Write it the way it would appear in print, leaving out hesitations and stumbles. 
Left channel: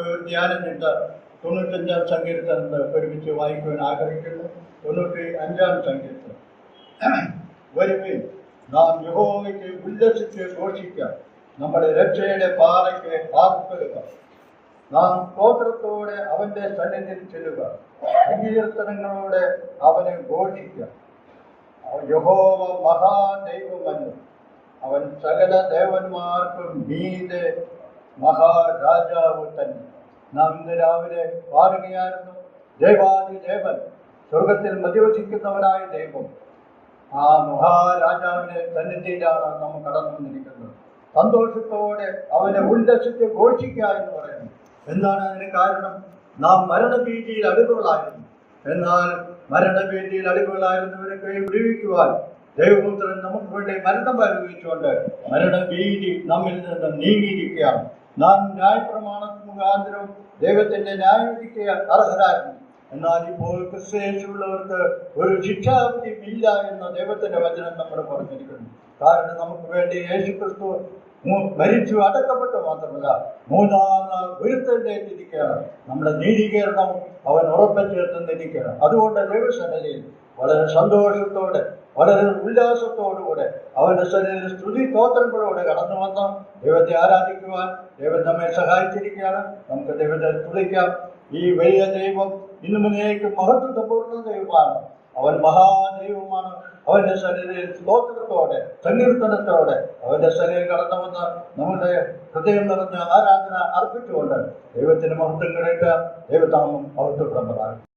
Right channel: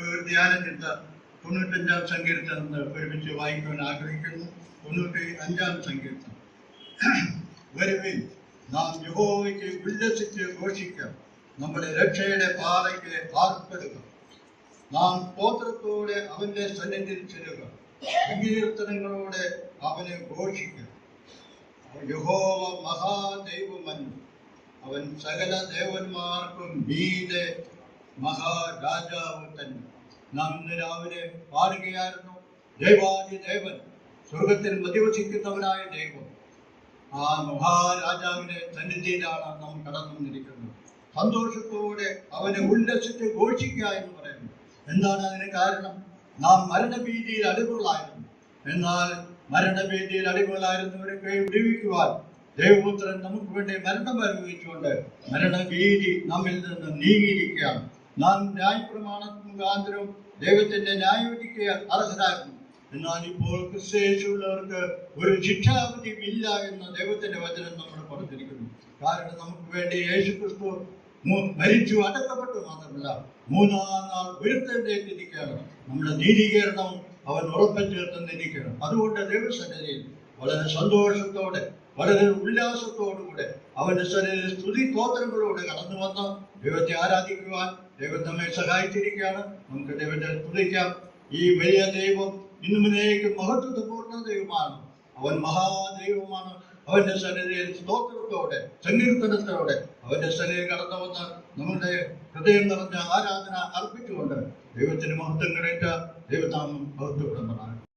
ഒരു ധ്യാന ചിന്ത 95-ാം സങ്കീർത്തനത്തിൽ ഒരുമിച്ച് വായിക്കുവാൻ ആഗ്രഹിക്കുന്നു. 95-ാം സങ്കീർത്തനം. വരുവിൻ, നാം യഹോവയ്ക്ക് ഉല്ലസിച്ച് ഘോഷിക്കാം, നമ്മുടെ രക്ഷയുടെ പാറയ്ക്ക് ആർപ്പെടുക. നാം സ്തോത്രത്തോടെ അവന്റെ സന്നിധിയിൽ ചെല്ലുക, സങ്കീർത്തനങ്ങളോടെ അവനെ ഘോഷിക്കാം. യഹോവ മഹാദൈവമല്ലോ, അവൻ സകല ദേവന്മാർക്കും മീതെ മഹാരാജാവ് തന്നെ. നാം ഇന്ന് രാവിലെ പാടുകയായിരുന്നു, ദേവാദിദേവൻ, സ്വർഗത്തിൽ മധ്യവസിക്കുന്നവനായ ദൈവം. ആ മഹാരാജാവിന്റെ സന്നിധിയിലാണ് നാം കടന്നിരിക്കുന്നത്. സന്തോഷത്തോടെ അവനെ ഉല്ലസിച്ച് ഘോഷിക്കുക എന്ന് പറയുന്നു. എന്താണ് അതിന് കാരണം? നാം മരണഭീതിയിൽ അടിമകളായിരുന്നു. എന്നാൽ മരണഭീതിയിൽ അടിമകളായിരുന്നവരെ കൈ വിടുവിക്കുവാൻ ദൈവപുത്രൻ നമുക്ക് വേണ്ടി മരണം അനുഭവിച്ചുകൊണ്ട് മരണഭീതി നമ്മിൽ നിന്ന് നീങ്ങിയിരിക്കുകയാണ്. നാം ന്യായപ്രമാണ മുഖാന്തരം ദൈവത്തിന്റെ ന്യായവിധിക്ക് അർഹരായിരുന്നു. എന്നാൽ ഇപ്പോൾ ക്രിസ്തുയേശുവുള്ളവർക്ക് ഒരു ശിക്ഷാവിധി ഇല്ല എന്ന് ദൈവത്തിന്റെ വചനം നമ്മൾ പറഞ്ഞിരിക്കുന്നു. കാരണം നമുക്ക് വേണ്ടി യേശു ക്രിസ്തു മരിച്ചു അടക്കപ്പെട്ടു മാത്രമല്ല, 3-ാം നാൾ ഉയർത്തെഴുന്നേറ്റിരിക്കുകയാണ്. നമ്മുടെ നീതീകരണം അവൻ ഉറപ്പിച്ചേർന്നിരിക്കുകയാണ്. അതുകൊണ്ട് ദൈവസന്നിധിയിൽ വളരെ സന്തോഷത്തോടെ, വളരെ ഉല്ലാസത്തോടുകൂടെ അവന്റെ സന്നിധിയിൽ സ്തുതി സ്തോത്രങ്ങളോടെ കടന്നു വന്ന് ദൈവത്തെ ആരാധിക്കുവാൻ ദൈവം നമ്മെ സഹായിച്ചിരിക്കുകയാണ്. നമുക്ക് ദൈവത്തെ സ്തുതിക്കാം. ഈ വലിയ ദൈവം ഇന്നുമുന്നേക്കും മഹത്വപൂർണ്ണ ദൈവമാണ്. അവൻ മഹാദൈവമാണ്. അവന്റെ സന്നിധിയിൽ സ്തോത്രത്തോടെ, സങ്കീർത്തനത്തോടെ അവന്റെ സന്നിധിയിൽ കടന്നു വന്ന് നമ്മുടെ ഹൃദയം നിറഞ്ഞ ആരാധന അർപ്പിച്ചുകൊണ്ട് ദൈവത്തിന് മഹത്വം കിടക്കുക. ദൈവനാമം മഹത്വപ്രദമാണ്.